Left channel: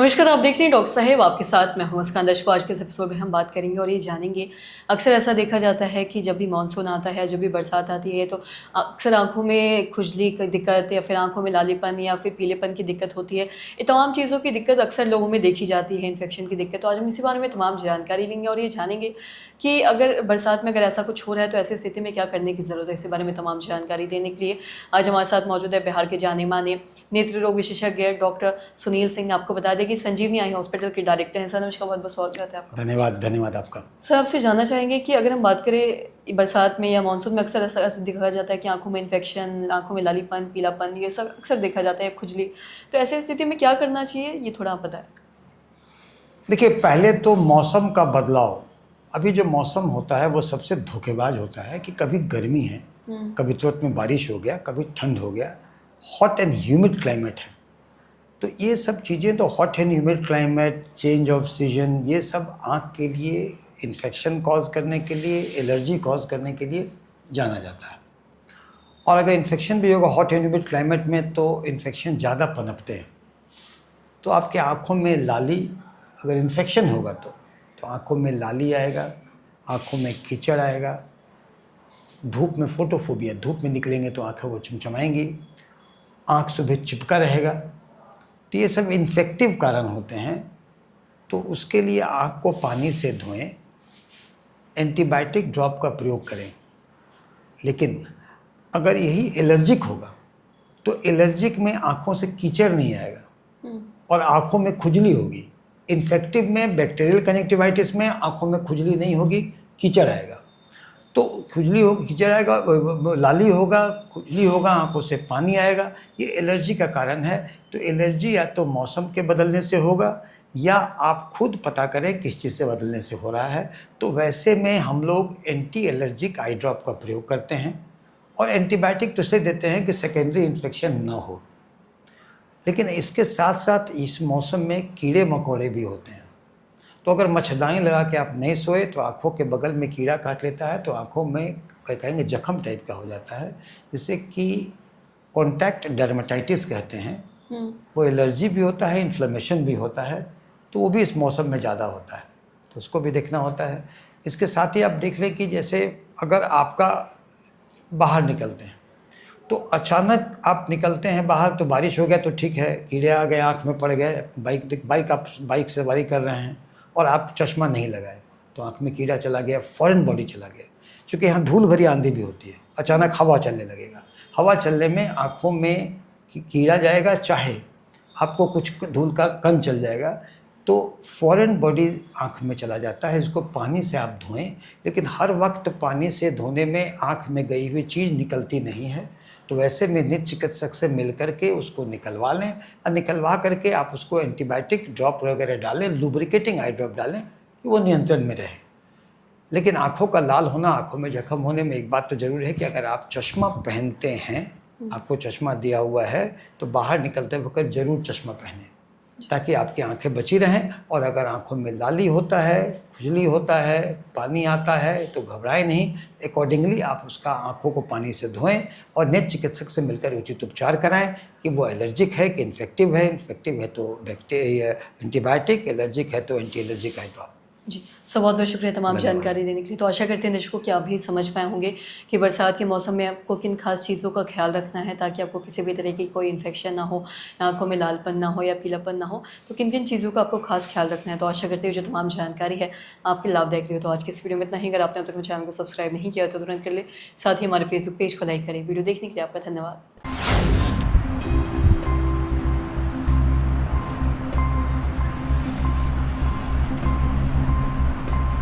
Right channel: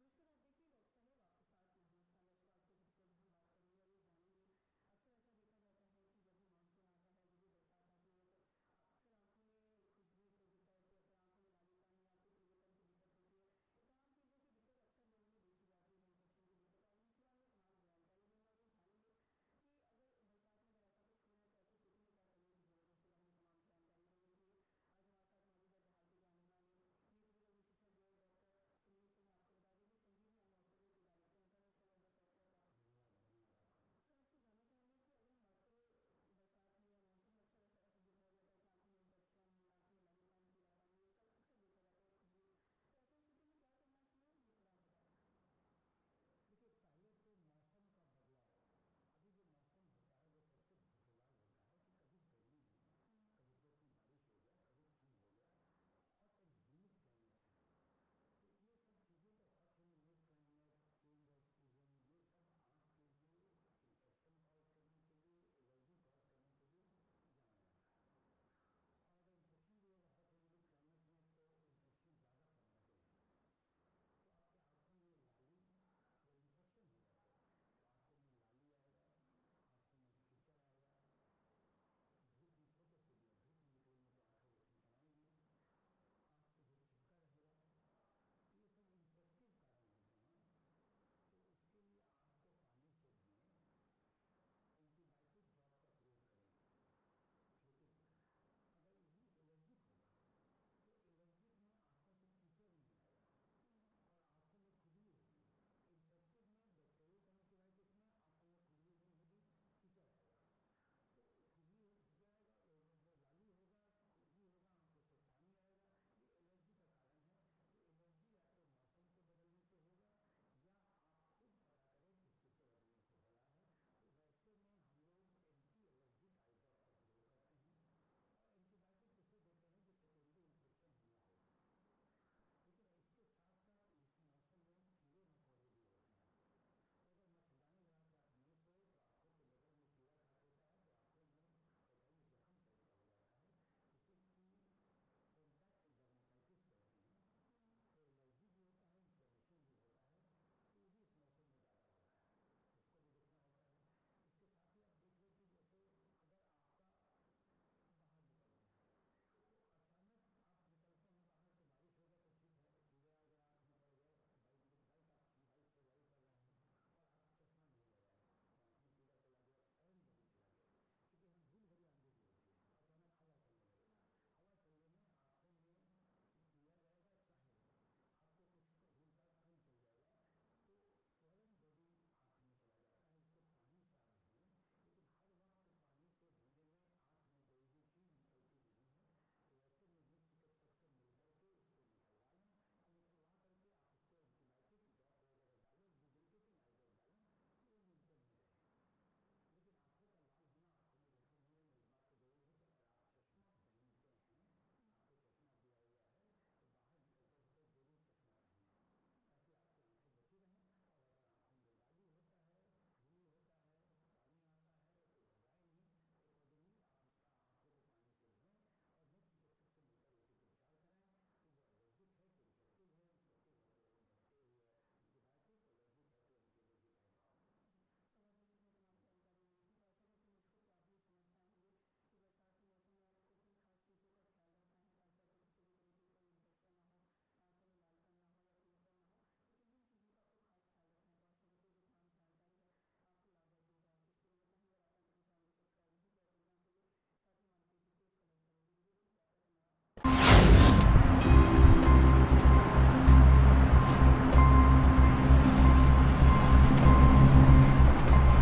नमस्कार, आप देख रहे हैं डॉक्टर साहेब, आपके साथ मैं हूं मुस्कान दर्शकों। आज के इस एपिसोड में हम बात करेंगे और ये जानेंगे, अक्सर ऐसा देखा जाता है कि जब भी मानसून आता है, जब भी बरसात आती है, तो अक्सर आँखों में खुजली की दिक्कत या फिर आँखों में लालीपन या फिर पीलेपन की दिक्कत होती है। ये तमाम चीज़ों की दिक्कत अक्सर लोगों में देखी जाती है, इन्फेक्शन की दिक्कत। तो आज हम इसी बारे में तमाम जानकारी लेंगे और ये जानेंगे कि अगर बरसात में अगर ऐसा कुछ हो रहा है, तो ऐसी स्थिति में क्या करने की ज़रूरत है? इसी बारे में तमाम जानकारी देने के लिए आज हमारे साथ मौजूद है बिहार के जाने-माने नेत्र रोग विशेषज्ञ डॉक्टर सुनील सिंह। आपको बता दें कि संजीवनी आई हॉस्पिटल के डायरेक्टर हैं। सर नमस्कार, बहुत-बहुत स्वागत है आपका। धन्यवाद, धन्यवाद आपका। सर आपसे जानना चाहेंगे कि अगर हम बात करें बरसात में या मानसून में अक्सर ऐसा ऐसा देखा जाता है कि आँखों में इन्फेक्शन, आँखों में लालीपन, पीलापन ये सब अक्सर देखा जाता है, खुजली। तो ऐसी स्थिति में क्या करना चाहिए? ये थोड़ा आप बताएँ। देखिए, पहले तो मौसम का बदलाव, अभी जो मौसम होता है वो सबसे धोखेबाज होता है कि कभी गर्मी है, कभी तुरंत में बारिश हो गया, कभी ठंड हो गया। हॉट एंड ह्यूमिड क्लाइमेट है। तो ये सब चीज़ें तो hot and humid climate, change off season, ये सब आँख के लिए इन्फेक्शन कॉज़ करने के लिए, एलर्जी कॉज़ करने के लिए जाना जाता है। और अगर इन्फेक्शन भी होगा हॉट एंड ह्यूमिड क्लाइमेट में तो इन्फेक्शन ज़्यादा पनपते हैं। तो आपके आँखों में लाली, अगर इन्फेक्शन होगा तो आँखों में लाली आएगा, आँखों में कीचड़ आएगा, धूप में फोटोफोबिया, धूप में निकलेंगे तो आँखें वो चमचमाएंगी, आँख सुबह चिपका रहेगा। तो ये सब इन्फेक्टिव कारण होते हैं। तो उसके लिए आँख को पानी से धोएं, एंटीबायोटिक ड्रॉप का प्रयोग करें। लेकिन अगर यही एलर्जिक होगा तो एलर्जिक में आँखों से कीचड़ नहीं आएगा और आँखों में खुजली होगी। इन्फेक्टिव में, बैक्टीरियल कंजक्टिवाइटिस में आँखों में खुजली नहीं होगी, कीचड़ आएगा। तो खुजली होगी, कीचड़ आएगा, लाली होगा, खुजली होगा, आँखों से पानी आएगा। ये एलर्जी का कारण है। तो एलर्जी या तो मौसम के बदलने से होगा या आप खुद पता करें किस चीज़ से बदलने से हो रहा है। तो वैसे में हम लोग एंटी एलर्जिक आई ड्रॉप का प्रयोग करते हैं और एंटीबायोटिक तो इसलिए देते हैं कि सेकेंडरी इन्फेक्शन ना हो। लेकिन इसके साथ साथ इस मौसम में कीड़े मकोड़े भी होते हैं। तो अगर मच्छरदानी लगा के आप नहीं सोए तो आँखों के बगल में कीड़ा काट लेता है, तो आँखों में कहेंगे जख्म टाइप का हो जाता है, जिससे कि कॉन्टैक्ट डर्मेटाइटिस कहते हैं। वो एलर्जी भी होता है, इन्फ्लेमेशन भी होता है। तो वो भी इस मौसम में ज़्यादा होता है, तो उसको भी देखना होता है। इसके साथ ही आप देख लें कि जैसे अगर आपका बाहर निकलते हैं तो अचानक आप निकलते हैं बाहर, तो बारिश हो गया तो ठीक है, कीड़े आ गए, आँख में पड़ गए, आप बाइक सवारी कर रहे हैं और आप चश्मा नहीं लगाए तो आँख में कीड़ा चला गया, फॉरेन बॉडी चला गया। क्योंकि यहाँ धूल भरी आंधी भी होती है, अचानक हवा चलने लगेगा, हवा चलने में आँखों में कीड़ा जाएगा, चाहे आपको कुछ धूल का कण चल जाएगा, तो फॉरेन बॉडी आँख में चला जाता है। इसको पानी से आप धोएं, लेकिन हर वक्त पानी से धोने में आँख में गई हुई चीज़ निकलती नहीं है। तो वैसे में नेत्र चिकित्सक से मिल करके उसको निकलवा लें और निकलवा करके आप उसको एंटीबायोटिक ड्रॉप वगैरह डालें, लुब्रिकेटिंग आई ड्रॉप डालें कि वो नियंत्रण में रहे। लेकिन आँखों का लाल होना, आँखों में जख्म होने में एक बात तो ज़रूर है कि अगर आप चश्मा पहनते हैं, आपको चश्मा दिया हुआ है, तो बाहर निकलते वक्त ज़रूर चश्मा पहनें ताकि आपकी आंखें बची रहें। और अगर आंखों में लाली होता है, खुजली होता है, पानी आता है तो घबराएं नहीं, अकॉर्डिंगली आप उसका आंखों को पानी से धोएं और नेत्र चिकित्सक से मिलकर उचित उपचार कराएं कि वो एलर्जिक है कि इन्फेक्टिव है तो बैक्टीरिया एंटीबायोटिक, एलर्जिक है तो एंटी एलर्जिक आई ड्रॉप। जी, सर बहुत-बहुत शुक्रिया तमाम जानकारी देने के लिए। तो आशा करते हैं दर्शकों कि आप भी समझ पाए होंगे कि बरसात के मौसम में आपको किन खास चीज़ों का ख़्याल रखना है ताकि आपको किसी भी तरह की कोई इन्फेक्शन ना हो, आँखों में लालपन ना हो या पीलापन ना हो। तो किन-किन चीज़ों का आपको खास ख़्याल रखना है। तो आशा करते हुए जो तमाम जानकारी है आपके लाभदायक रही हो। तो आज की इस वीडियो में इतना ही। अगर आपने अब तक मेरे चैनल को सब्सक्राइब नहीं किया तो तुरंत कर लें। साथ ही हमारे फेसबुक पेज को लाइक करें। वीडियो देखने के लिए आपका धन्यवाद।